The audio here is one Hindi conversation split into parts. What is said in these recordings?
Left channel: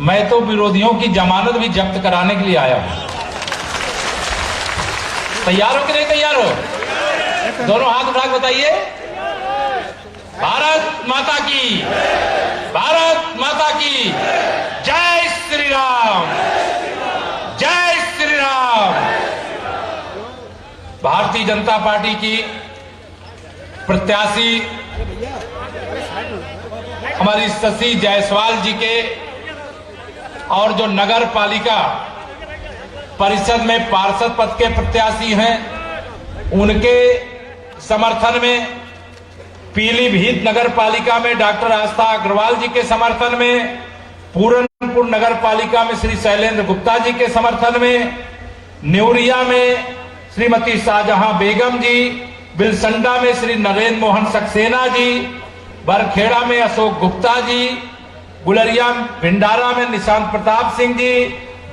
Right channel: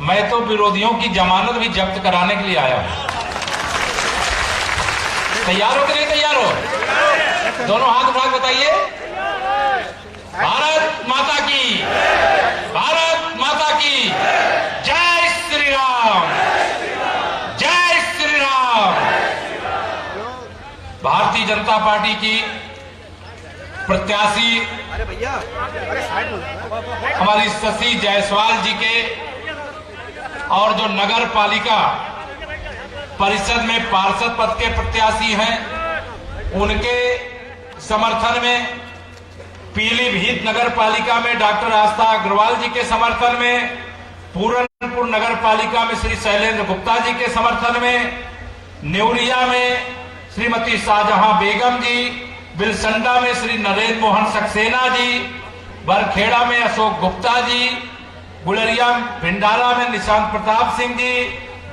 मैं तो विरोधियों की जमानत भी जब्त कराने के लिए आया हूं। तैयार हो कि नहीं तैयार हो? दोनों हाथ उठा के बताइए। भारत माता की, भारत माता की जय श्री राम, जय श्री राम। भारतीय जनता पार्टी की प्रत्याशी हमारी शशि जायसवाल जी के और जो नगर पालिका परिषद में पार्षद पद के प्रत्याशी हैं, उनके समर्थन में पीलीभीत नगर पालिका में डॉक्टर आस्था अग्रवाल जी के समर्थन में, पूरनपुर नगर पालिका में श्री शैलेंद्र गुप्ता जी के समर्थन में, नेवरिया में श्रीमती शाहजहां बेगम जी, बिलसंडा में श्री नरेंद्र मोहन सक्सेना जी, बरखेड़ा में अशोक गुप्ता जी, गुलरिया भिंडारा में निशांत प्रताप सिंह जी,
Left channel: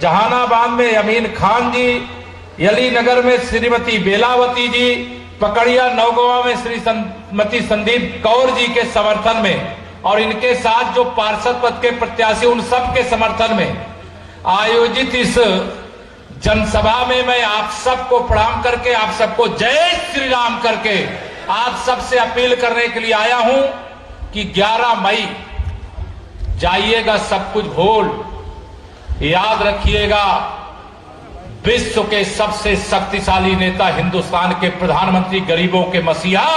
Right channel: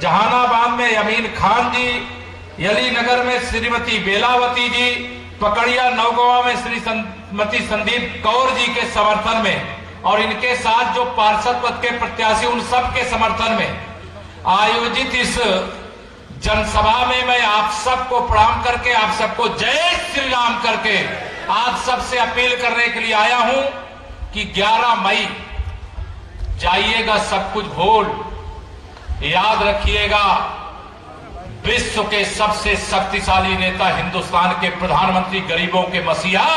जहानाबाद में अमीन खान जी, यली नगर में श्रीमती बेलावती जी, पकड़िया नौगवा में श्रीमती संदीप कौर जी के समर्थन में और इनके साथ जो पार्षद पद के प्रत्याशी उन सब के समर्थन में आयोजित इस जनसभा में मैं आप सबको प्रणाम करके, आप सबको जय श्री राम करके आप सबसे अपील करने के लिए आया हूं कि 11 मई जाइएगा सब कुछ भूल, याद रखिएगा विश्व के सबसे शक्तिशाली नेता, हिंदुस्तान के प्रधानमंत्री, गरीबों के मसीहा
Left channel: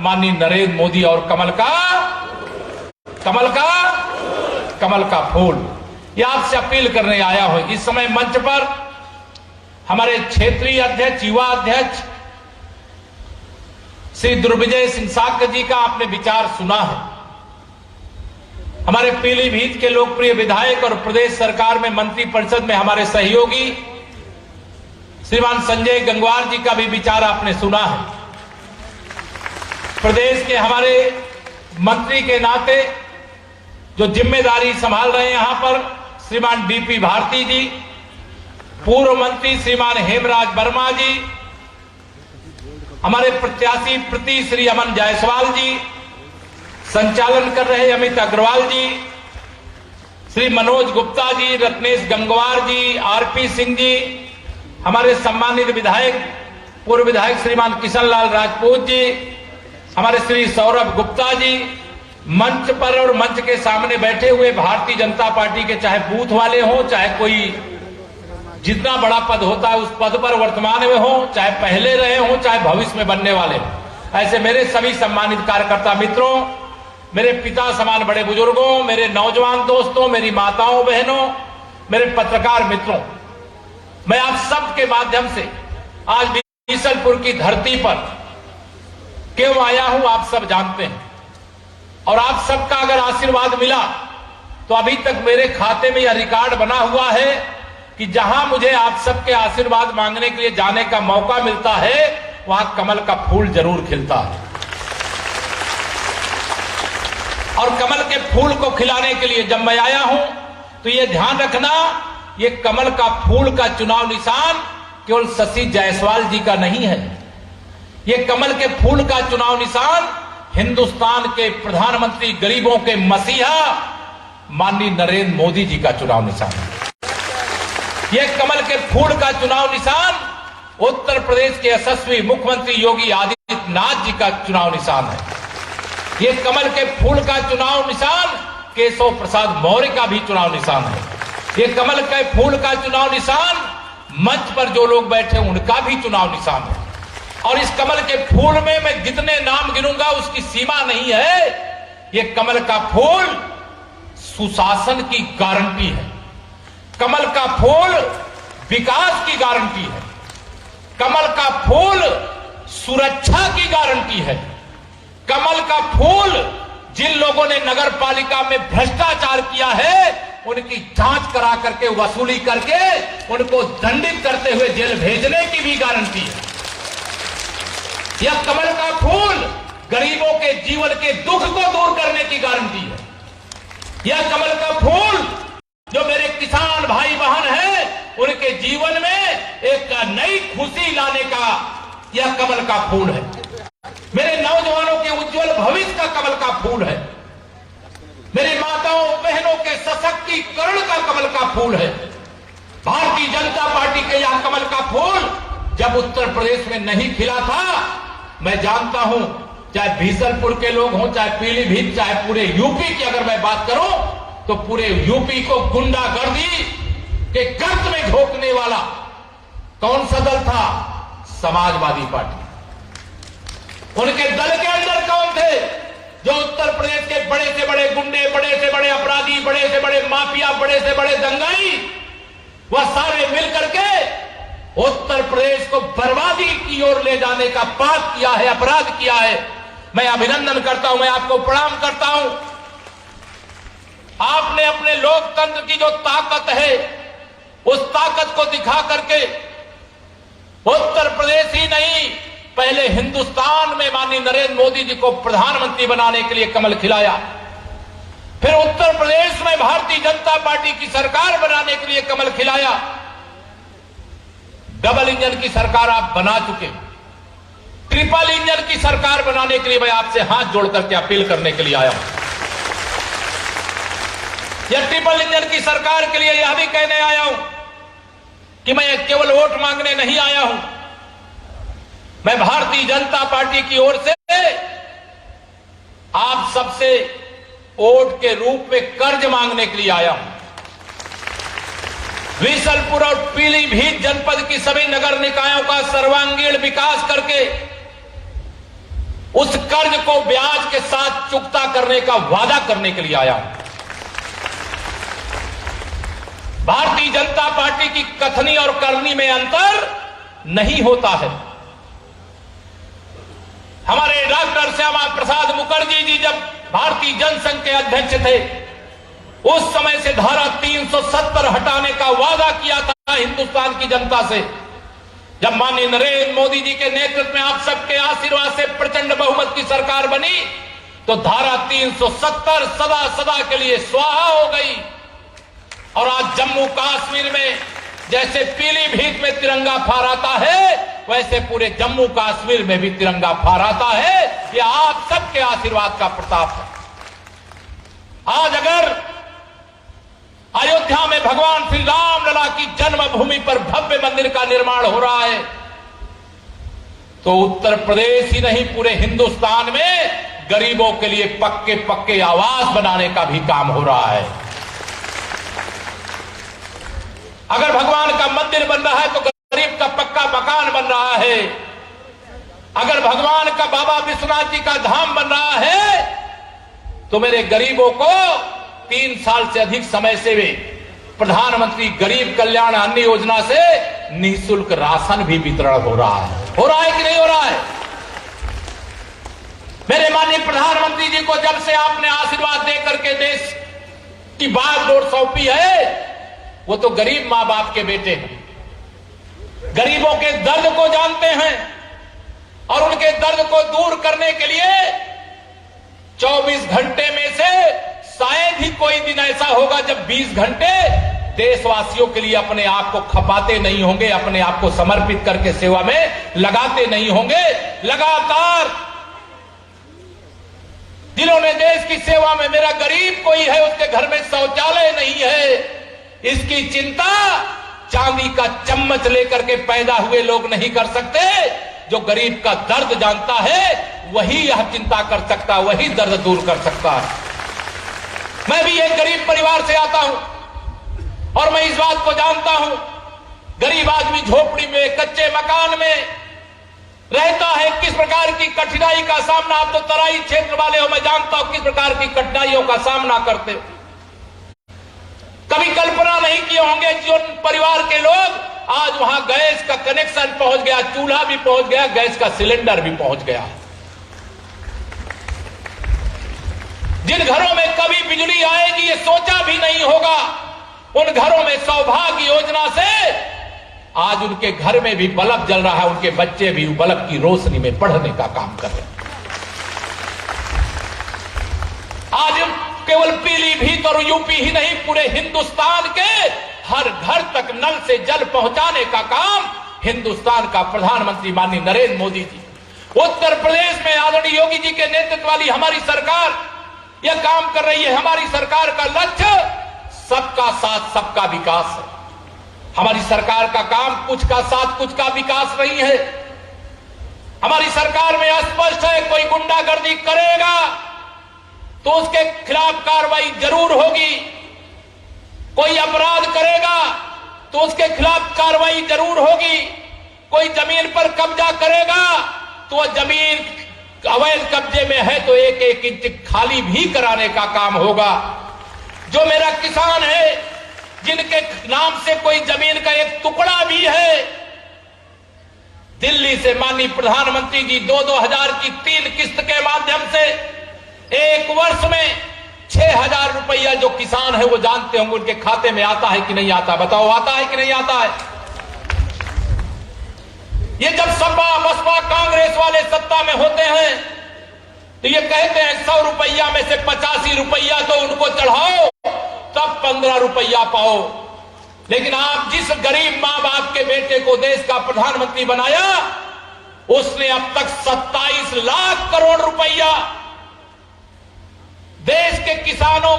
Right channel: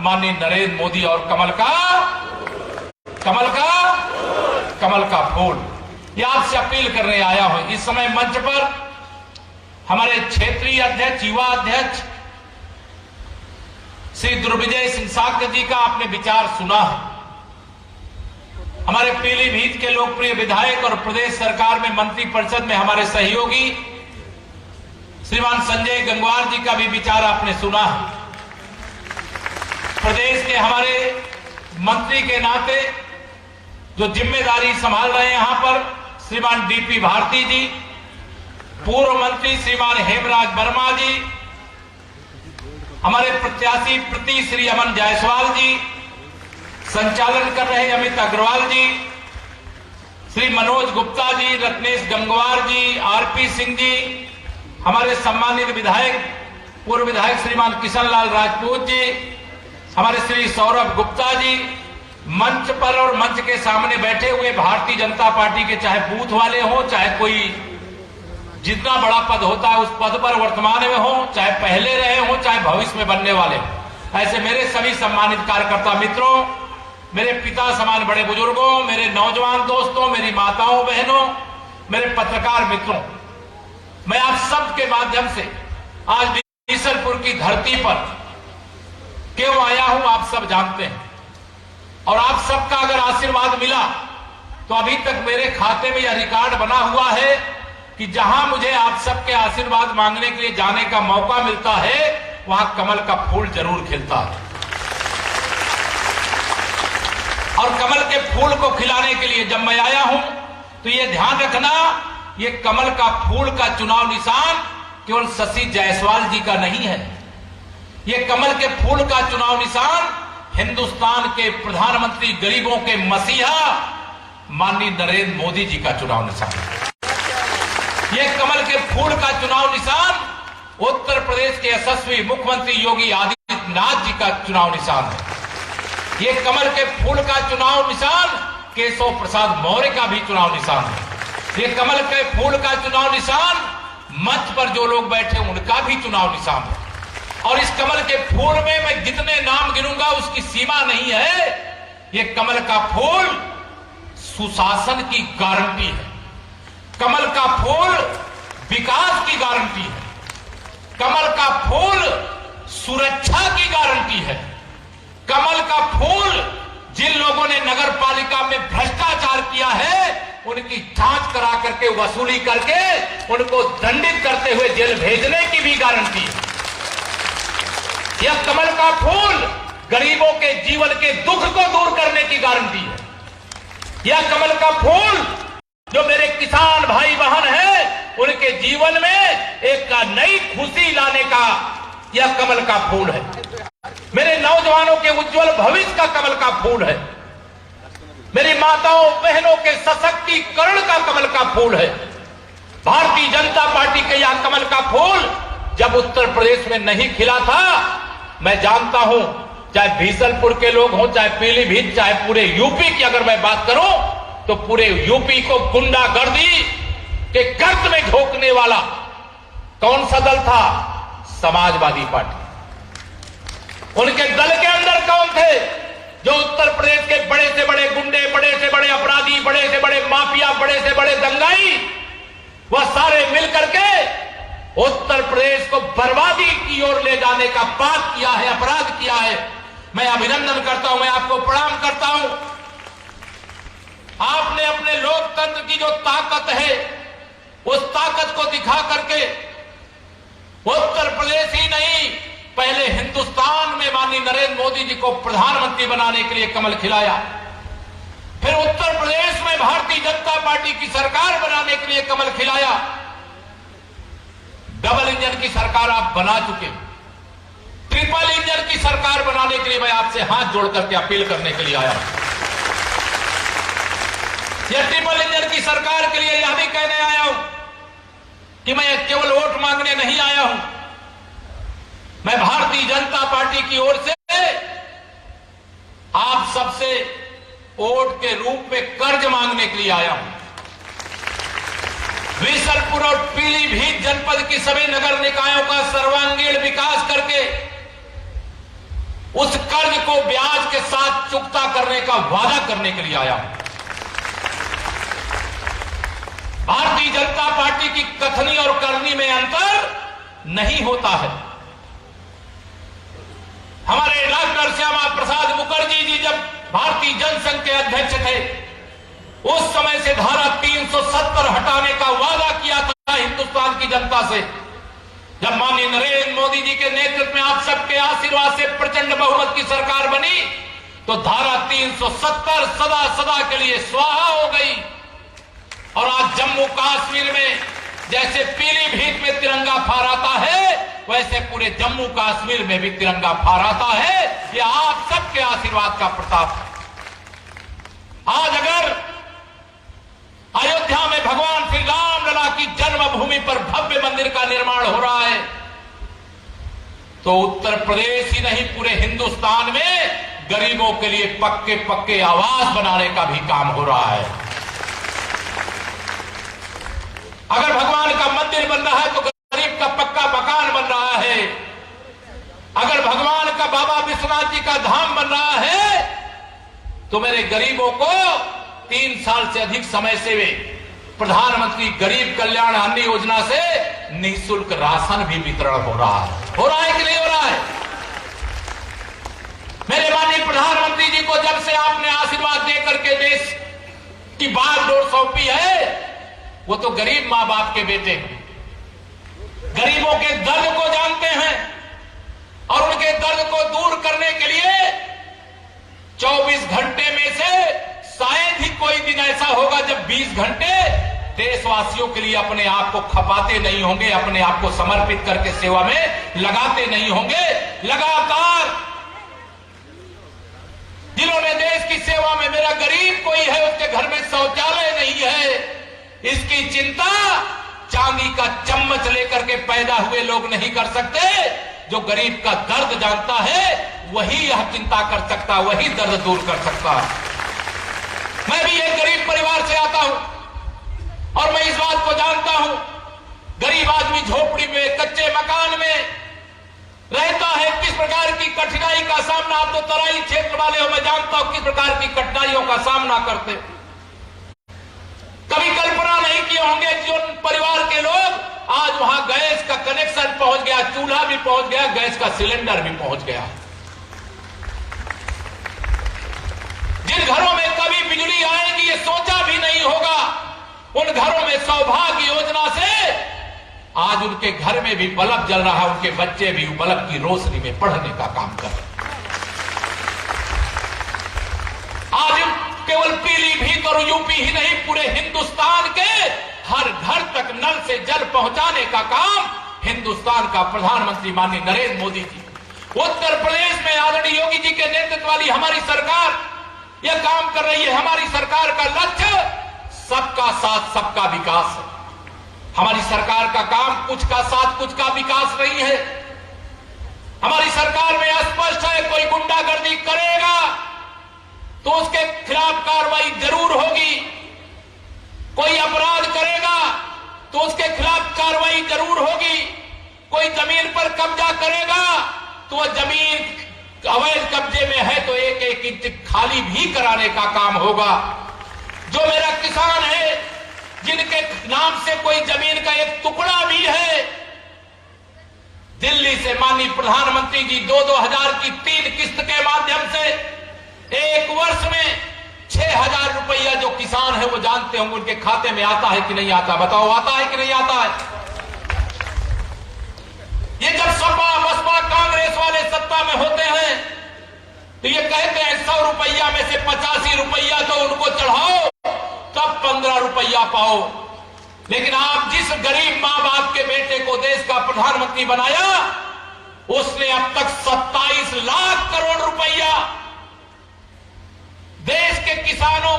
माननीय नरेंद्र मोदी और कमल का फूल, ये आपसे अपील करने आया हूं। इस समय मंच पर हमारे क्षेत्रीय अध्यक्ष, युवा अध्यक्ष श्री दुर्विजय सिंह साक्य जी का आपने विचार सुना है। हमारे पीलीभीत के लोकप्रिय विधायक और प्रदेश सरकार में मंत्रिपरिषद में हमारे सहयोगी श्रीमान संजय गंगवार जी का भी विचार आपने सुना है। प्रदेश के हमारे मंत्री के नाते जो जिम्मेदारी संभाल रहे हैं यहां पर श्रीमान डीपी भारती जी, पूर्व मंत्री श्रीमान हेमराज वर्मा जी, हमारे प्रत्याशी प्रति श्री अमन जायसवाल जी, संचालन कर रहे अमित अग्रवाल जी, श्री मनोज गुप्ता जी, रत्नेश गंगवार जी, आरपी सिंह जी, हमारे सम्मानित विधायक पूर्व विधायक श्रीमान किशन लाल राजपूत जी, हमारे श्री सौरभ गुप्ता जी, मंच पर और मंच के सामने बैठे हुए भारतीय जनता पार्टी के चाहे बूथ वाले हो, चाहे कोई जितना बड़ा पद होता है उस पद पर वर्तमान में हो, चाहे पहले रहे हो, चाहे भविष्य में बनने वाले हो, ऐसे मेरे सभी सम्मानित कार्यकर्ता मित्रों, मेरे पिता समान बड़े बुजुर्गों, मेरे नौजवान दोस्तों, मेरी माताओं बहनों, मेरे पत्रकार मित्रों, मैं आप सब के माध्यम से आज बीसलपुर की धरती पर क्यों आया हूं आप सब जानते हैं। और आप सबका अगर आशीर्वाद मिला तो अभी तक मेरे खाते में यह रिकॉर्ड बना हुआ है कि जहां मुझे आप सबके आशीर्वाद मांगने के लिए जाने का मौका मिलता है वहां कमल का फूल जरूर खिलता है। और कमल के फूल को खिलाने के लिए जब मैं आया हूं तो यह ध्यान रखना, ये कमल का फूल का चुनाव निशान केवल शशि जायसवाल जी का नहीं है, ये कमल के फूल का चुनाव निशान हिंदुस्तान के प्रधानमंत्री, गरीबों के मसीहा माननीय नरेंद्र मोदी जी का चुनाव निशान है। यह कमल के फूल का चुनाव निशान उत्तर प्रदेश के यशस्वी मुख्यमंत्री योगी आदित्यनाथ जी का चुनाव निशान है। यह कमल के फूल का चुनाव निशान केशव प्रसाद मौर्य का भी चुनाव निशान है। ये कमल के फूल का चुनाव निशान मंच पर जो लोग बैठे उनका भी चुनाव निशान है। और इस कमल के फूल में मैं जितने नाम गिनूंगा उसकी सीमा नहीं है। ये कमल का फूल सुशासन की गारंटी है, कमल का फूल विकास की गारंटी है, कमल का फूल सुरक्षा की गारंटी है, कमल का फूल जिन लोगों ने नगर पालिका में भ्रष्टाचार किया है उनकी जांच करा करके, वसूली करके उनको दंडित करते हुए जेल भेजने की भी गारंटी है। यह कमल का फूल गरीबों के जीवन के दुख को दूर करने की गारंटी है। यह कमल का फूल जो मेरे किसान भाई बहन हैं उनके जीवन में एक नई खुशी लाने का यह कमल का फूल है। मेरे नौजवानों के उज्जवल भविष्य का कमल का फूल है। मेरी माताओं बहनों के सशक्तिकरण का कमल का फूल है। भारतीय जनता पार्टी के यहां कमल का फूल जब उत्तर प्रदेश में नहीं खिला था, मैं जानता हूं, चाहे बीसलपुर के लोग हों, चाहे पीलीभीत, चाहे पूरे यूपी की अगर मैं बात करूं तो पूरे यूपी को गुंडागर्दी के गर्त में झोंकने वाला कौन सा दल था? समाजवादी पार्टी। उनके दल के अंदर कौन थे जो उत्तर प्रदेश के बड़े से बड़े गुंडे, बड़े से बड़े अपराधी, बड़े से बड़े माफिया, बड़े से बड़े दंगाई, वह सारे मिलकर के उत्तर प्रदेश को बर्बादी की ओर ले जाने का पाप किया है, अपराध किया है। मैं अभिनंदन करता हूं, मैं आपको प्रणाम करता हूं। आपने अपने लोकतंत्र की जो ताकत है उस ताकत को दिखा करके उत्तर प्रदेश ही नहीं, पहले हिंदुस्तान में माननीय नरेंद्र मोदी जी को प्रधानमंत्री बनाने के लिए कमल खिलाया, फिर उत्तर प्रदेश में भारतीय जनता पार्टी की सरकार बनाने के लिए कमल खिलाया। डबल इंजन की सरकार आप बना चुके, ट्रिपल इंजन की सरकार बनाने के लिए मैं आपसे हाथ जोड़ करके अपील करने के लिए आया हूं। यह ट्रिपल इंजन की सरकार के लिए यह भी कहने आया हूं कि मैं केवल वोट मांगने नहीं आया हूं, मैं भारतीय जनता पार्टी की ओर से आप सबसे वोट के रूप में कर्ज मांगने के लिए आया हूं। बीसलपुर और पीलीभीत जनपद की सभी नगर निकायों का सर्वांगीण विकास करके उस कर्ज को ब्याज के साथ चुकता करने का वादा करने के लिए आया हूं। भारतीय जनता पार्टी की कथनी और करनी में अंतर नहीं होता है। हमारे डॉक्टर श्यामा प्रसाद मुखर्जी जी जब भारतीय जनसंघ के अध्यक्ष थे, उस समय से धारा 370 हटाने का वादा किया था हिंदुस्तान की जनता से। जब माननीय नरेंद्र मोदी जी के नेतृत्व में आप सबके आशीर्वाद से प्रचंड बहुमत की सरकार बनी तो धारा 370 सदा सदा के लिए स्वाहा हो गई। और आज जम्मू कश्मीर में जैसे पीलीभीत में तिरंगा फहराता है, वैसे पूरे जम्मू कश्मीर में भी तिरंगा फहराता है। यह आप सबके आशीर्वाद का प्रताप है। आज अगर अयोध्या में भगवान श्री राम लला की जन्मभूमि पर भव्य मंदिर का निर्माण हो रहा है तो उत्तर प्रदेश ही नहीं पूरे हिंदुस्तान में गरीबों के लिए पक्के पक्के आवास बनाने का भी काम हो रहा है। अगर भगवान का मंदिर बन रहा है तो गरीब का पक्का मकान बन रहा है। अगर भगवान का बाबा विश्वनाथ जी का धाम बन रहा है तो मेरे गरीबों को 3 साल से अधिक समय से प्रधानमंत्री गरीब कल्याण अन्न योजना से निःशुल्क राशन भी वितरण हो रहा है। हो रहा है कि नहीं हो रहा है? मेरे माननीय प्रधानमंत्री जी को जब से आपने आशीर्वाद देकर के देश की बागडोर सौंपी है, वो तो गरीब मां बाप के बेटे हैं, गरीबों के दर्द को जानते हैं और उनके दर्द को दूर करने के लिए 24 घंटे में से शायद ही कोई दिन ऐसा होगा जब 20 घंटे देशवासियों के लिए अपने आप को खपाते नहीं होंगे, अपने आप को समर्पित करके सेवा में लगाते नहीं होंगे। लगातार जिन्होंने देश की सेवा में, मेरा गरीब कोई है उसके घर में शौचालय नहीं है, इसकी चिंता चांदी का चम्मच लेकर के पैदा हुए लोग नहीं कर सकते। जो गरीब का दर्द जानता है वही यह चिंता कर सकता, वही दर्द दूर कर सकता है। मैं भी एक गरीब परिवार से आता हूं और मैं इस बात को जानता हूं, गरीब आदमी झोपड़ी में, कच्चे मकान में रहता है, किस प्रकार की कठिनाई का सामना, आप तो तराई क्षेत्र वाले हो, मैं जानता हूं किस प्रकार की कठिनाइयों का सामना करते। कभी कल्पना नहीं किए होंगे कि उन परिवार के लोग आज वहां गैस का कनेक्शन पहुंच गया, चूल्हा भी पहुंच गया, गैस का सिलेंडर भी पहुंच गया। जिन घरों में कभी बिजली आएगी ये सोचा भी नहीं होगा, उन घरों में सौभाग्य योजना से आज उनके घर में भी बल्ब जल रहा है, उनके बच्चे भी बल्ब की रोशनी में पढ़ने का काम कर रहे हैं। आज केवल पीलीभीत और यूपी ही नहीं, पूरे हिंदुस्तान के हर घर तक नल से जल पहुंचाने का काम हिंदुस्तान का प्रधानमंत्री माननीय नरेंद्र मोदी जी, उत्तर प्रदेश में आदरणीय योगी जी के नेतृत्व वाली हमारी सरकार यह काम कर रही है। हमारी सरकार का लक्ष्य सबका साथ सबका विकास है। हमारी सरकार का काम कुछ का साथ कुछ का विकास नहीं है। हमारी सरकार में स्पष्ट है, कोई गुंडागर्दी करेगा तो उसके खिलाफ कार्रवाई जरूर होगी, कोई अपराध करेगा तो उसके खिलाफ कार्रवाई जरूर होगी, कोई जमीन पर कब्जा करेगा तो वह जमीन अवैध कब्जे में है तो एक एक इंच खाली भी कराने का काम होगा। जो मेरा किसान है, जिनके नाम से कोई जमीन का एक टुकड़ा भी है, दिल्ली से माननीय प्रधानमंत्री जी 2-2 हजार की 3 किस्त के माध्यम से एक वर्ष में 6,000 रुपया जो किसान है वो जानते होंगे उनके खाते में आता है कि नहीं आता। बताओ, आता है कि नहीं आता है? ये जब सपा बसपा कांग्रेस वाले सत्ता में होते हैं तो ये कहते हैं 100 रुपया में से 85 रुपया तो उनको चढ़ाओ तब 15 रुपया पाओ। लेकिन आप जिस गरीब मां बाप के बेटे को देश का प्रधानमंत्री बनाया, उसने अब तक 27 लाख करोड़ रुपया देश के किसानों,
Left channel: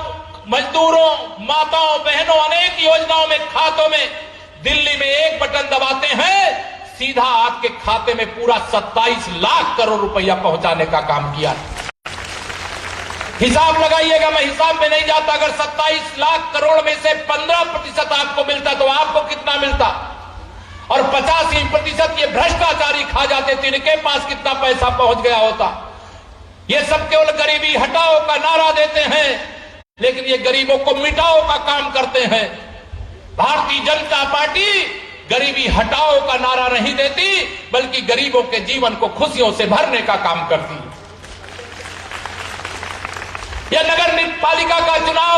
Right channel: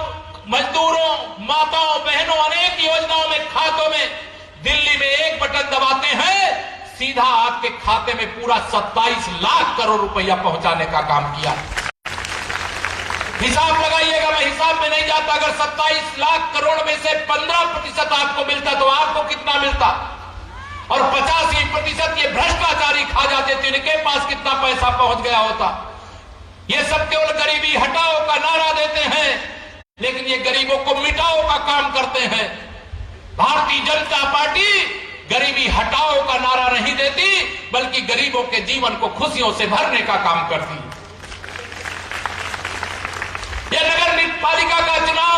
मजदूरों, माताओं, बहनों, अनेक योजनाओं में, खातों में, दिल्ली में एक बटन दबाते हैं सीधा आपके खाते में पूरा 27 लाख करोड़ रुपया पहुंचाने का काम किया। हिसाब लगाइएगा, मैं हिसाब में नहीं जाता। अगर 27 लाख करोड़ में से 15% आपको मिलता तो आपको कितना मिलता, और 85% ये भ्रष्टाचारी खा जाते तो इनके पास कितना पैसा पहुंच गया होता। ये सब केवल गरीबी हटाओ का नारा देते हैं, लेकिन ये गरीबों को मिटाओ का काम करते हैं। भारतीय जनता पार्टी गरीबी हटाओ का नारा नहीं देती, बल्कि गरीबों के जीवन को खुशियों से भरने का काम करती है। यह नगर पालिका का चुनाव,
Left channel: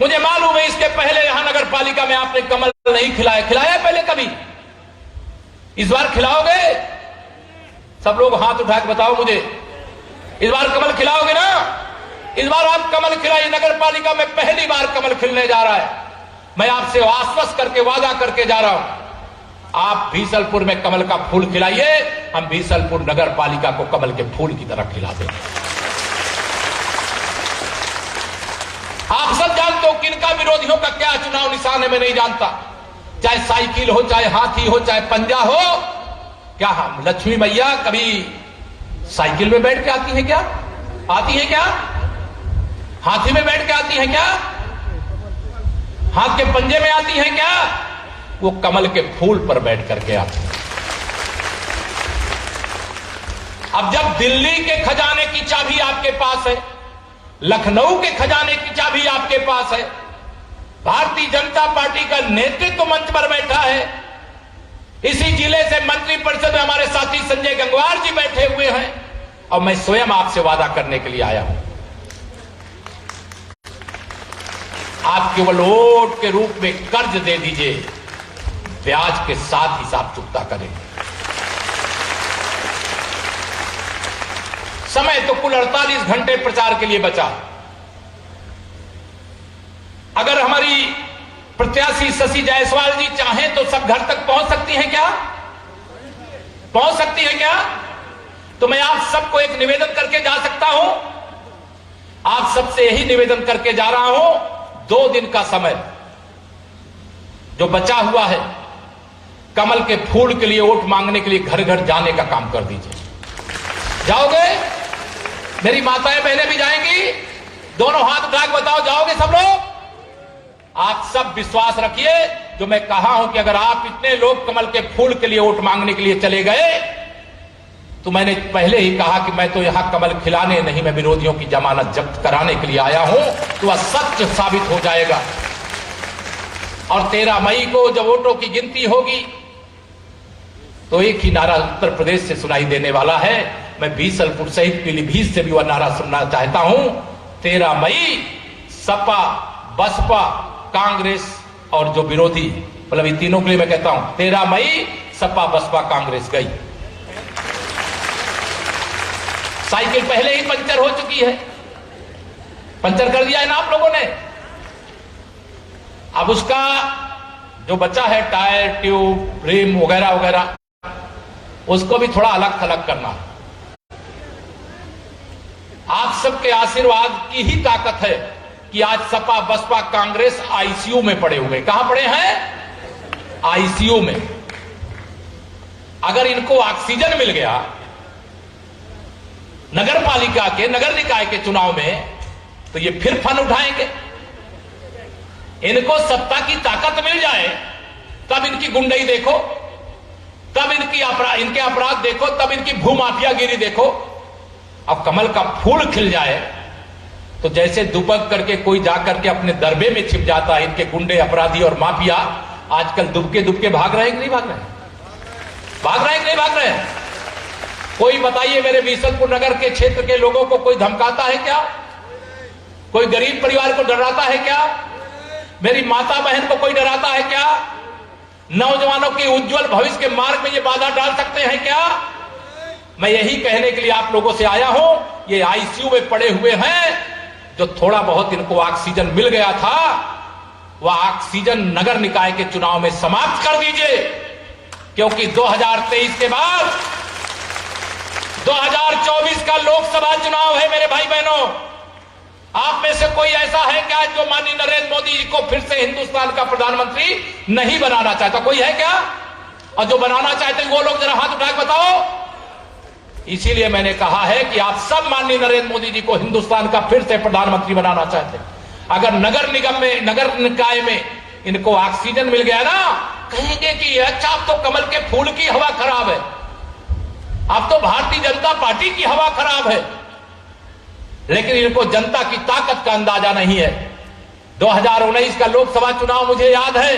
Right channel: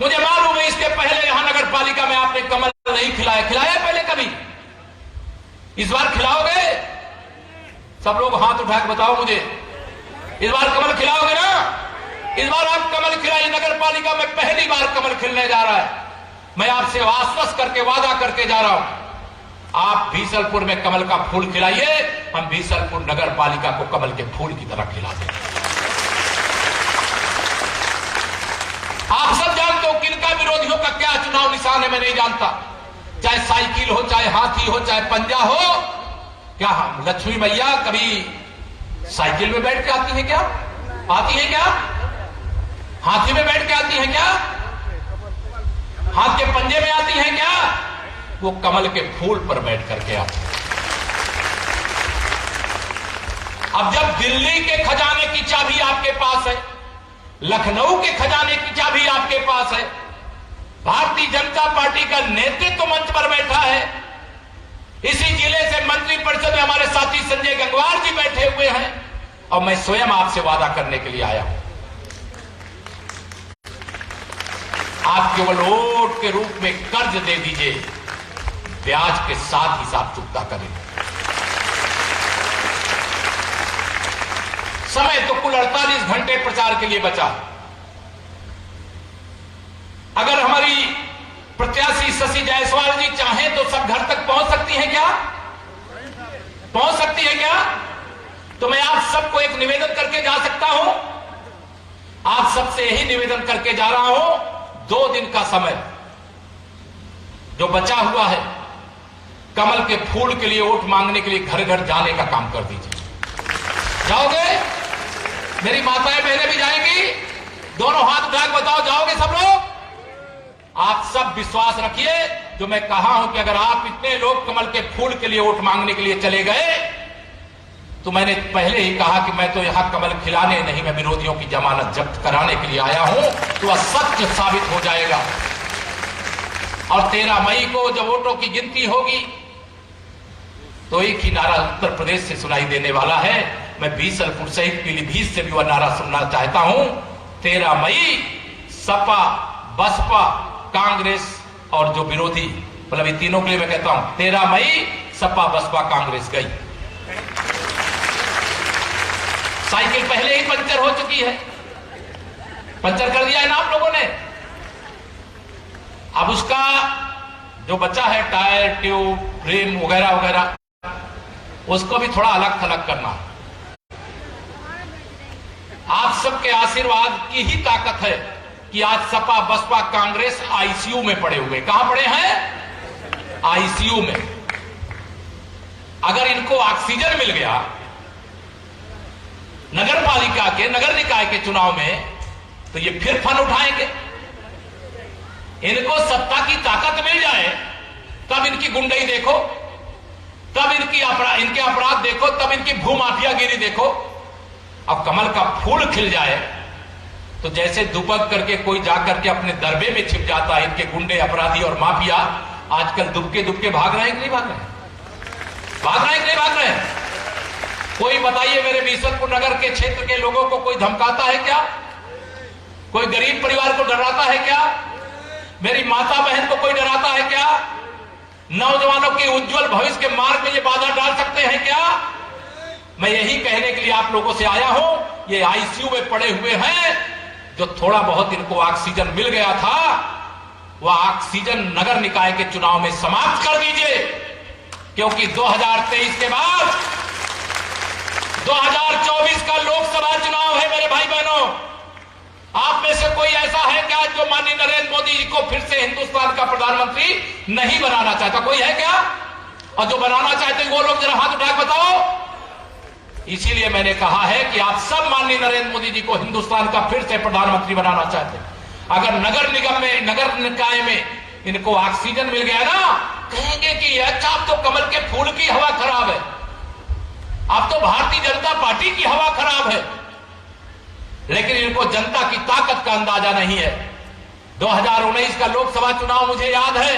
मुझे मालूम है इसके पहले यहां नगर पालिका में आपने कमल नहीं खिलाया। खिलाया पहले कभी? इस बार खिलाओगे? सब लोग हाथ उठा के बताओ मुझे, इस बार कमल खिलाओगे ना? इस बार आप कमल खिलाइए। नगर पालिका में पहली बार कमल खिलने जा रहा है। मैं आपसे आश्वस्त करके वादा करके जा रहा हूं, आप बीसलपुर में कमल का फूल खिलाइए, हम बीसलपुर नगर पालिका को कमल के फूल की तरह खिला देंगे। आप सब जानते हो किनका विरोधियों का क्या चुनाव निशान है, मैं नहीं जानता। चाहे साइकिल हो, चाहे हाथी हो, चाहे पंजा हो। क्या हम लक्ष्मी मैया कभी साइकिल में बैठ के आती है क्या? आती है क्या? हाथी में बैठ के आती है क्या? हाथ के पंजे में आती है क्या? वो कमल के फूल पर बैठ करके आती है। अब जब दिल्ली के खजाने की चाबी आपके पास है, लखनऊ के खजाने की चाबी आपके पास है, भारतीय जनता पार्टी का नेतृत्व मंच पर बैठा है, इसी जिले से मंत्री परिषद में हमारे साथी संजय गंगवार जी बैठे हुए हैं, और मैं स्वयं आपसे वादा करने के लिए आया हूं, आप केवल वोट के रूप में कर्ज दे दीजिए, ब्याज के साथ हिसाब चुकता करेंगे। समय तो कुल 48 घंटे प्रचार के लिए बचा। अगर हमारी प्रत्याशी शशि जायसवाल जी चाहें तो सब घर तक पहुंच सकती हैं क्या? पहुंच सकती है क्या? तो मैं आप सबको एक निवेदन करके जा सकता हूं, आप सबसे यही निवेदन करके जा रहा हूं, 2 दिन का समय जो बचा हुआ है, कमल के फूल के लिए वोट मांगने के लिए घर घर जाने का काम कर दीजिए। जाओगे? मेरी माताएं बहनें भी जाएंगी, दोनों हाथ उठा के बताओ, जाओगे सब लोग? आप सब विश्वास रखिए, जो मैं कहा हूं कि अगर आप इतने लोग कमल के फूल के लिए वोट मांगने के लिए चले गए, तो मैंने पहले ही कहा कि मैं तो यहां कमल खिलाने नहीं, मैं विरोधियों की जमानत जब्त कराने के लिए आया हूं, तो वह सत्य साबित हो जाएगा। और 13 मई को जब वोटों की गिनती होगी तो एक ही नारा उत्तर प्रदेश से सुनाई देने वाला है। मैं बीसलपुर सहित पीलीभीत से भी वह नारा सुनना चाहता हूं, 13 मई सपा बसपा कांग्रेस और जो विरोधी, मतलब इन तीनों के लिए मैं कहता हूं 13 मई सपा बसपा कांग्रेस गई। साइकिल पहले ही पंचर हो चुकी है, पंचर कर दिया है ना आप लोगों ने। अब उसका जो बचा है टायर, ट्यूब, रिम वगैरह वगैरह, उसको भी थोड़ा अलग थलग करना। आप सबके आशीर्वाद की ही ताकत है कि आज सपा बसपा कांग्रेस आईसीयू में पड़े हुए। कहां पड़े हैं? आईसीयू में। अगर इनको ऑक्सीजन मिल गया नगर पालिका के, नगर निकाय के चुनाव में, तो ये फिर फन उठाएंगे। इनको सत्ता की ताकत मिल जाए तब इनकी गुंडई देखो, तब इनके अपराध देखो, तब इनकी भूमाफियागिरी देखो। अब कमल का फूल खिल जाए तो जैसे दुबक करके कोई जाकर के अपने दरबे में छिप जाता है, इनके गुंडे अपराधी और माफिया आजकल दुबके दुबके भाग रहे हैं कि नहीं भाग रहे हैं? भाग रहे हैं कि नहीं भाग रहे हैं? कोई बताइए, मेरे बीसलपुर नगर के क्षेत्र के लोगों को कोई धमकाता है क्या? कोई गरीब परिवार को डराता है क्या? मेरी माता बहन को कोई डराता है क्या? नौजवानों के उज्जवल भविष्य के मार्ग में ये बाधा डाल सकते हैं क्या? मैं यही कहने के लिए आप लोगों से आया हूं, ये आईसीयू में पड़े हुए हैं। जो थोड़ा बहुत इनको ऑक्सीजन मिल गया था, वह ऑक्सीजन नगर निकाय के चुनाव में समाप्त कर दीजिए, क्योंकि 2023 के बाद 2024 का लोकसभा चुनाव है। मेरे भाई बहनों, आप में से कोई ऐसा है क्या जो माननीय नरेंद्र मोदी जी को फिर से हिंदुस्तान का प्रधानमंत्री नहीं बनाना चाहता? कोई है क्या? और जो बनाना चाहते हैं वो लोग जरा हाथ उठा के बताओ। इसीलिए मैंने कहा है कि आप सब माननीय नरेंद्र मोदी जी को हिंदुस्तान का फिर से प्रधानमंत्री बनाना चाहते हैं। अगर नगर निगम में, नगर निकाय में इनको ऑक्सीजन मिल गया ना, कहेंगे कि अच्छा अब तो कमल के फूल की हवा खराब है, अब तो भारतीय जनता पार्टी की हवा खराब है। लेकिन इनको जनता की ताकत का अंदाजा नहीं है। 2019 का लोकसभा चुनाव मुझे याद है,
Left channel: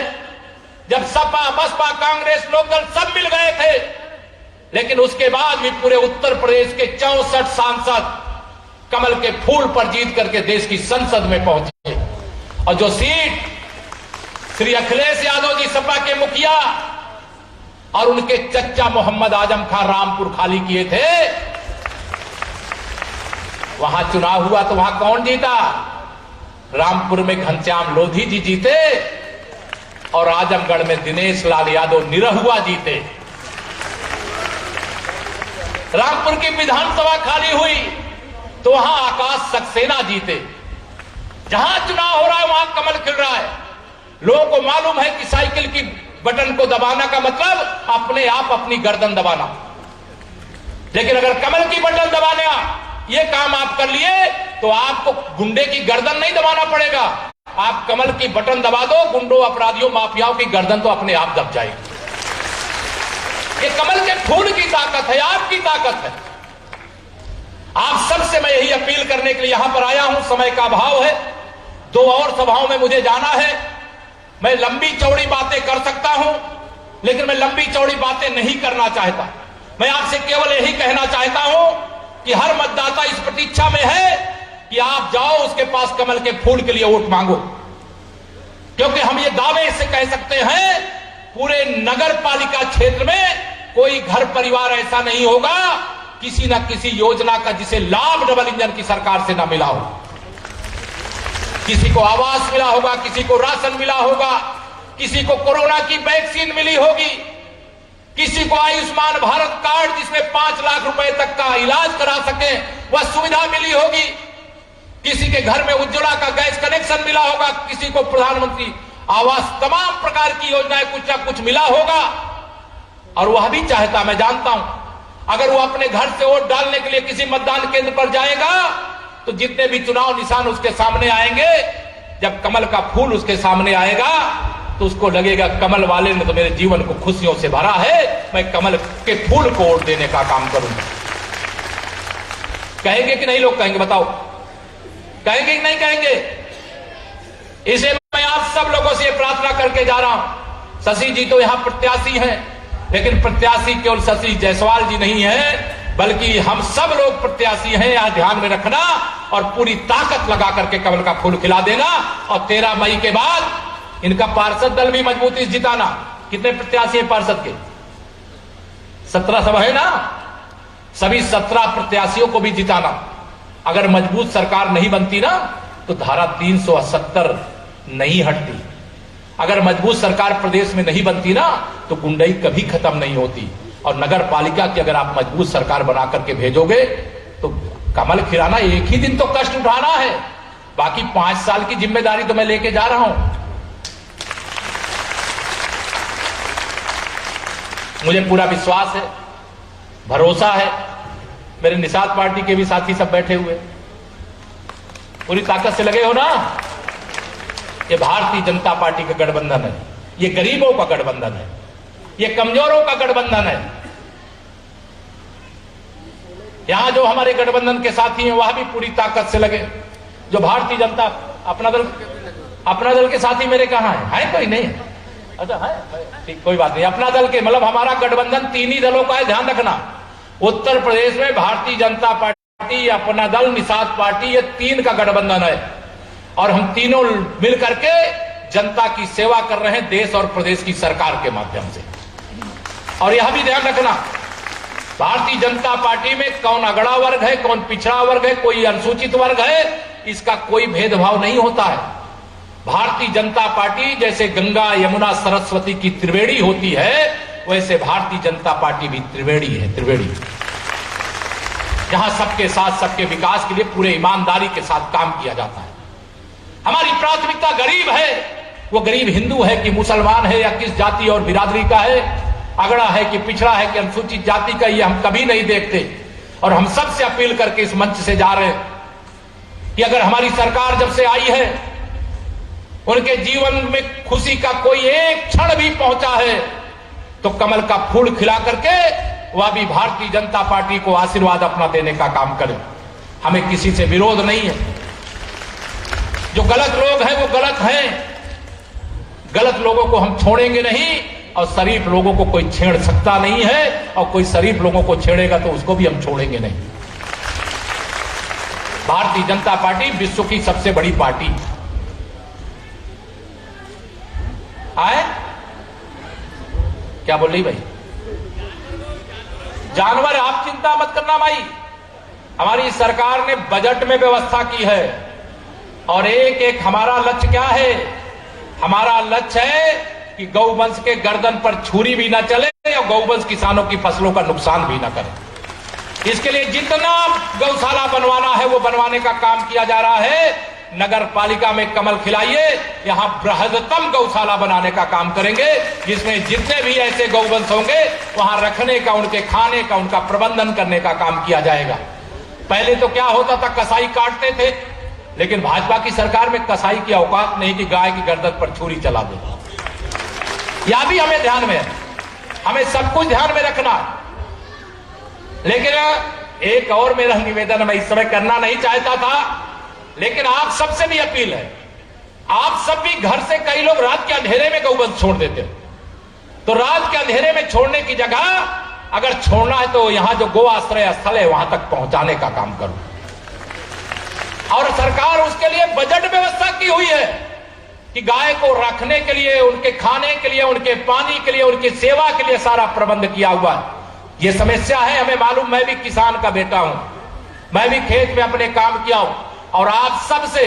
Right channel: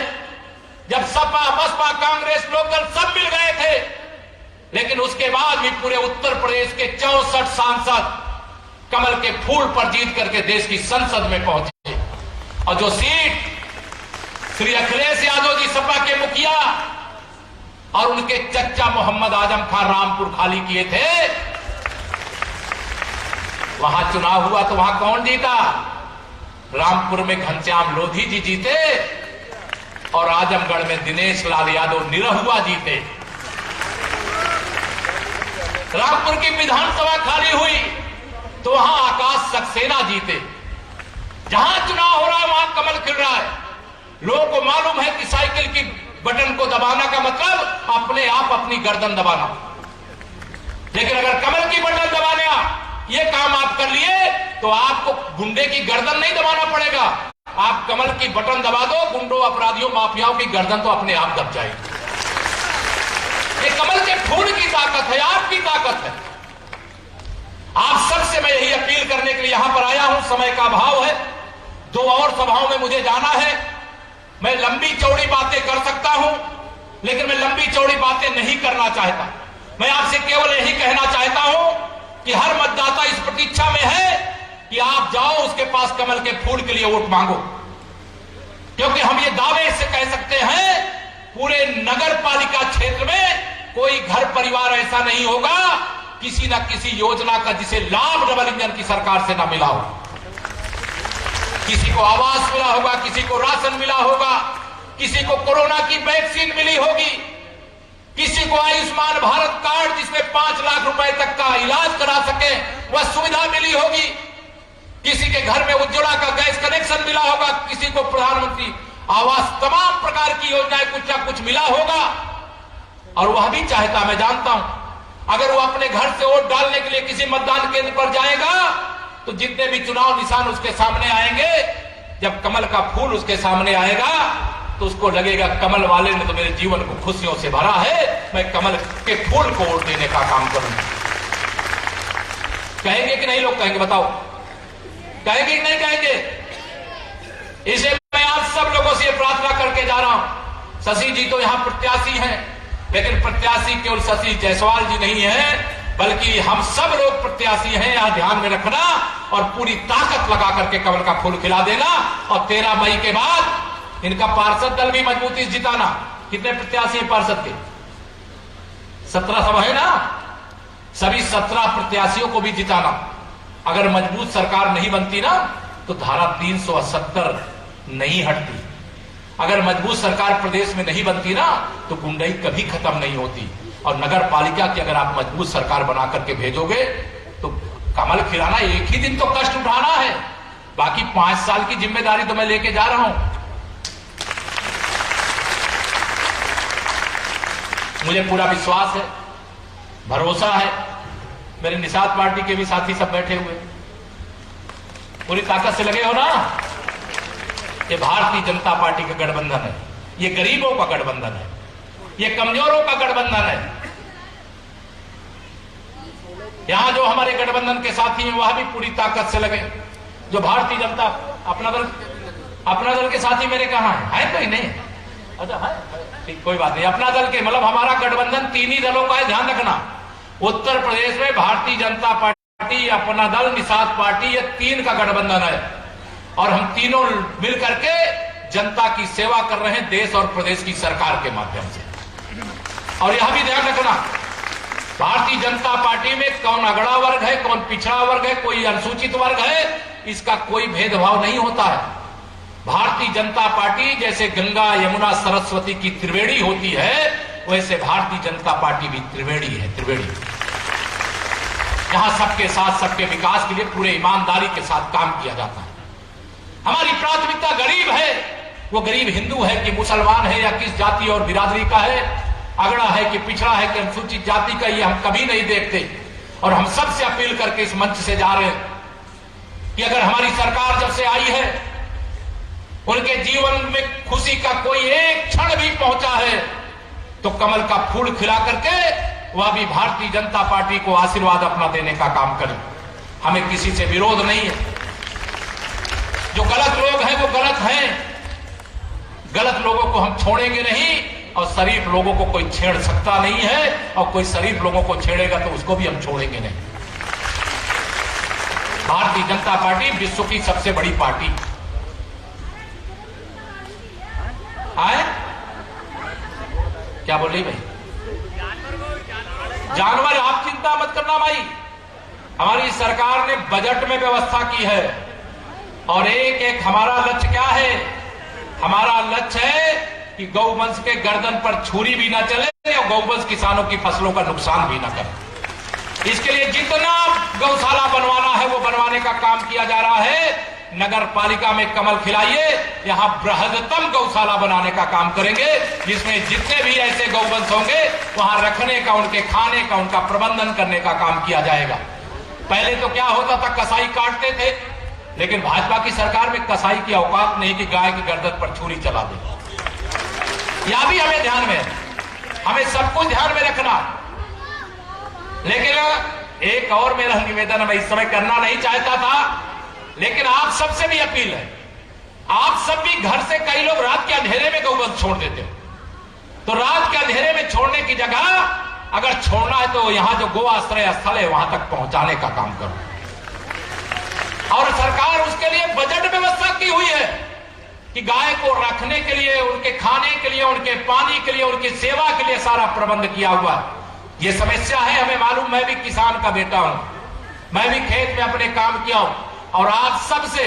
जब सपा बसपा कांग्रेस लोकदल सब मिल गए थे, लेकिन उसके बाद भी पूरे उत्तर प्रदेश के 64 सांसद कमल के फूल पर जीत करके देश की संसद में पहुंचे। और जो सीट श्री अखिलेश यादव जी सपा के मुखिया और उनके चच्चा मोहम्मद आजम खान रामपुर खाली किए थे, वहां चुनाव हुआ तो वहां कौन जीता? रामपुर में घनश्याम लोधी जी जीते और आजमगढ़ में दिनेश लाल यादव निरहुआ जीते। रामपुर की विधानसभा खाली हुई तो वहां आकाश सक्सेना जीते। जहां चुनाव हो रहा है वहां कमल खिल रहा है। लोगों को मालूम है कि साइकिल की बटन को दबाना का मतलब अपने आप अपनी गर्दन दबाना। लेकिन अगर कमल की बटन दबाना ये काम आप कर लिए तो आपको गुंडे की गर्दन नहीं दबाना पड़ेगा। आप कमल की बटन दबा दो, गुंडों, अपराधियों, माफियाओं की गर्दन तो अपने आप दब जाएगी। ये कमल के फूल की ताकत है, आपकी ताकत है। आप सबसे मैं यही अपील करने के लिए यहां पर आया हूं। समय का अभाव है, 2 और सभाओं में मुझे जाना है। मैं लंबी चौड़ी बातें कर सकता हूं, लेकिन मैं लंबी चौड़ी बातें नहीं करना चाहता। मैं आपसे केवल यही कहना चाहता हूं कि हर मतदाता इस प्रतीक्षा में है कि आप जाओ उसके पास कमल के फूल के लिए वोट मांगो, क्योंकि हम ये दावे से कह सकते हैं पूरे नगर पालिका क्षेत्र में कोई घर परिवार ऐसा नहीं होगा किसी न किसी योजना का जिसे लाभ डबल इंजन की सरकार से न मिला हो। किसी को आवास मिला होगा, किसी को राशन मिला होगा, किसी को कोरोना की वैक्सीन मिली होगी, किसी को आयुष्मान भारत कार्ड जिसमें 5 लाख रुपए तक का इलाज करा सके वह सुविधा मिली होगी, किसी के घर में उज्ज्वला का गैस कनेक्शन मिला होगा, किसी को प्रधानमंत्री आवास, तमाम प्रकार की योजनाएं कुछ ना कुछ मिला होगा। और वह भी चाहता, मैं जानता हूं, अगर वो अपने घर से वोट डालने के लिए किसी मतदान केंद्र पर जाएगा तो जितने भी चुनाव निशान उसके सामने आएंगे, जब कमल का फूल उसके सामने आएगा तो उसको लगेगा कमल वाले ने तो मेरे जीवन को खुशियों से भरा है, मैं कमल के फूल को वोट देने का काम करूंगा। कहेंगे कि नहीं? लोग कहेंगे, बताओ कहेंगे कि नहीं कहेंगे? इसे मैं आप सब लोगों से प्रार्थना करके जा रहा हूं। शशि जी तो यहां प्रत्याशी हैं, लेकिन प्रत्याशी केवल शशि जायसवाल जी नहीं है, बल्कि हम सब लोग प्रत्याशी हैं, यहां ध्यान में रखना और पूरी ताकत लगा करके कमल का फूल खिला देना। और 13 मई के बाद इनका पार्षद दल भी मजबूती से जिताना। कितने प्रत्याशी हैं पार्षद के? 17 सब है ना? सभी 17 प्रत्याशियों को भी जिताना। अगर मजबूत सरकार नहीं बनती ना तो धारा 378 नहीं हटती। अगर मजबूत सरकार प्रदेश में नहीं बनती ना तो गुंडई कभी खत्म नहीं होती। और नगर पालिका की अगर आप मजबूत सरकार बना करके भेजोगे तो कमल खिलाना एक ही दिन तो कष्ट उठाना है, बाकी 5 साल की जिम्मेदारी तो मैं लेके जा रहा हूं। मुझे पूरा विश्वास है, भरोसा है, मेरे निषाद पार्टी के भी साथी सब बैठे हुए पूरी ताकत से लगे हो ना। ये भारतीय जनता पार्टी का गठबंधन है, ये गरीबों का गठबंधन है, ये कमजोरों का गठबंधन है। यहां जो हमारे गठबंधन के साथी हैं वह भी पूरी ताकत से लगे। जो भारतीय जनता अपना दल के साथी मेरे कहां है कोई नहीं? अच्छा है, ठीक, कोई बात नहीं। अपना दल के मतलब हमारा गठबंधन 3 ही दलों का है, ध्यान रखना। उत्तर प्रदेश में भारतीय जनता पार्टी, अपना दल, निषाद पार्टी, ये 3 का गठबंधन है और हम तीनों मिल करके जनता की सेवा कर रहे हैं देश और प्रदेश की सरकार के माध्यम से। और यह भी ध्यान रखना, भारतीय जनता पार्टी में कौन अगड़ा वर्ग है, कौन पिछड़ा वर्ग है, कोई अनुसूचित वर्ग है, इसका कोई भेदभाव नहीं होता है। भारतीय जनता पार्टी जैसे गंगा यमुना सरस्वती की त्रिवेणी होती है, वैसे भारतीय जनता पार्टी भी त्रिवेणी है, त्रिवेणी, जहां सबके साथ सबके विकास के लिए पूरे ईमानदारी के साथ काम किया जाता है। हमारी प्राथमिकता गरीब है, वो गरीब हिंदू है कि मुसलमान है या किस जाति और बिरादरी का है, अगड़ा है कि पिछड़ा है कि अनुसूचित जाति का, ये हम कभी नहीं देखते। और हम सबसे अपील करके इस मंच से जा रहे हैं कि अगर हमारी सरकार जब से आई है, उनके जीवन में खुशी का कोई एक क्षण भी पहुंचा है, तो कमल का फूल खिला करके वह भी भारतीय जनता पार्टी को आशीर्वाद अपना देने का काम करें। हमें किसी से विरोध नहीं है। जो गलत लोग हैं वो गलत हैं, गलत लोगों को हम छोड़ेंगे नहीं, और शरीफ लोगों को कोई छेड़ सकता नहीं है, और कोई शरीफ लोगों को छेड़ेगा तो उसको भी हम छोड़ेंगे नहीं। भारतीय जनता पार्टी विश्व की सबसे बड़ी पार्टी है। क्या बोल रही भाई? जानवर, आप चिंता मत करना भाई, हमारी सरकार ने बजट में व्यवस्था की है। और एक एक हमारा लक्ष्य क्या है? हमारा लक्ष्य है कि गौवंश के गर्दन पर छुरी भी ना चले और गौवंश किसानों की फसलों का नुकसान भी ना करे। इसके लिए जितना गौशाला बनवाना है वो बनवाने का काम किया जा रहा है। नगर पालिका में कमल खिलाइए, यहां बृहत्तम गौशाला बनाने का काम करेंगे, जिसमें जितने भी ऐसे गौवंश होंगे वहां रखने का, उनके खाने का, उनका प्रबंधन करने का काम किया जाएगा। पहले तो क्या होता था, कसाई काटते थे, लेकिन भाजपा की सरकार में कसाई की औकात नहीं कि गाय की गर्दन पर छुरी चला दे। यह भी हमें ध्यान में है, हमें सब कुछ ध्यान में रखना। लेकिन एक और मेरा निवेदन मैं इस समय करना नहीं चाहता था, लेकिन आप सबसे भी अपील है, आप सब भी घर से कई लोग रात के अंधेरे में गौवंश छोड़ देते हैं, तो रात के अंधेरे में छोड़ने की जगह अगर छोड़ना है तो यहां जो गो आश्रय स्थल है वहां तक पहुंचाने का काम करो। और सरकार उसके लिए बजट व्यवस्था की हुई है कि गाय को रखने के लिए, उनके खाने के लिए, उनके पानी के लिए, उनकी सेवा के लिए सारा प्रबंध किया हुआ है। ये समस्या है, हमें मालूम, मैं भी किसान का बेटा हूं, मैं भी खेत में अपने काम किया हूं। और आप सबसे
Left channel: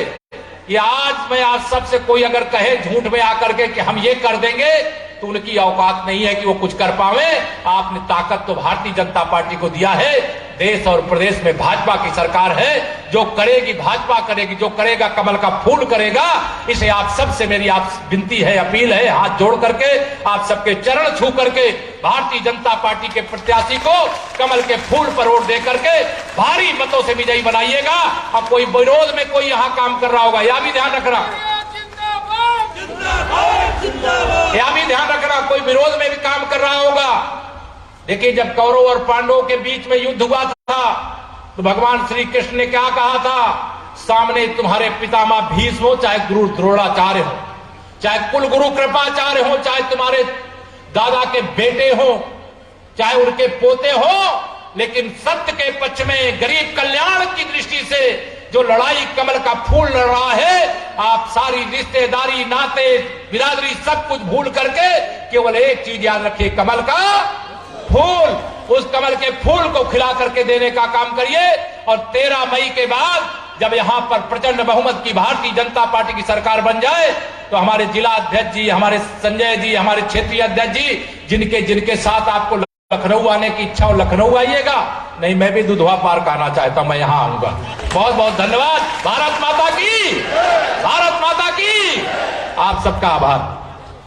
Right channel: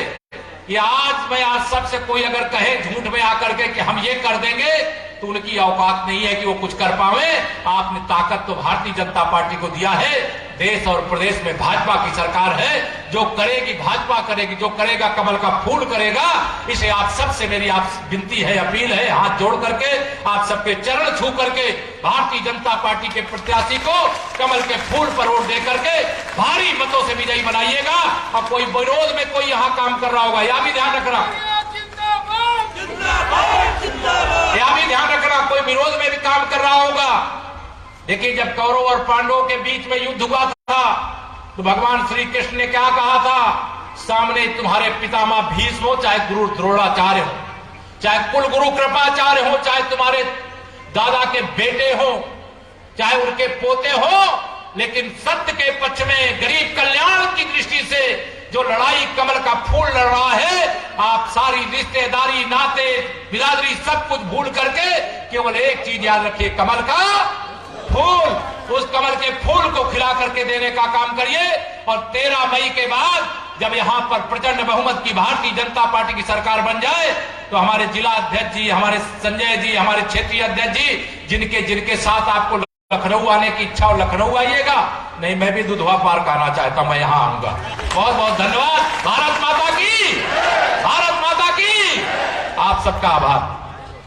मैं आज सबसे कोई अगर कहे झूठ में आकर के कि हम ये कर देंगे, तो उनकी औकात नहीं है कि वो कुछ कर पावे। आपने ताकत तो भारतीय जनता पार्टी को दिया है, देश और प्रदेश में भाजपा की सरकार है, जो करेगी भाजपा करेगी, जो करेगा कमल का फूल करेगा। इसे आप सबसे मेरी आप विनती है, अपील है, हाथ जोड़ करके आप सबके चरण छू करके भारतीय जनता पार्टी के प्रत्याशी को कमल के फूल पर वोट दे करके भारी मतों से विजयी बनाइएगा। और कोई विरोध में कोई यहां काम कर रहा होगा, यह भी ध्यान रखना, यह भी ध्यान रखना, कोई विरोध में भी काम कर रहा होगा। देखिए, जब कौरव और पांडवों के बीच में युद्ध हुआ था तो भगवान श्री कृष्ण ने क्या कहा था? सामने तुम्हारे पितामह भीष्म हो, चाहे गुरु द्रोणाचार्य हो, चाहे कुल गुरु कृपाचार्य हो, चाहे तुम्हारे दादा के बेटे हो, चाहे उनके पोते हो, लेकिन सत्य के पक्ष में गरीब कल्याण की दृष्टि से जो लड़ाई कमल का फूल लड़ रहा है, आप सारी रिश्तेदारी, नाते, बिरादरी सब कुछ भूल करके केवल एक चीज याद रखिए, कमल का फूल। उस कमल के फूल को खिला करके देने का काम करिए। और 13 मई के बाद जब यहां पर प्रचंड बहुमत की भारतीय जनता पार्टी की सरकार बन जाए, तो हमारे जिला अध्यक्ष जी, हमारे संजय जी, हमारे क्षेत्रीय अध्यक्ष जी, जिनके साथ आपको लखनऊ आने की इच्छा हो लखनऊ आइएगा, नहीं मैं भी दुधवा पार्क आना चाहता हूं, मैं यहां आऊंगा। बहुत बहुत धन्यवाद। भारत माता की, भारत माता की। आप सबका आभार।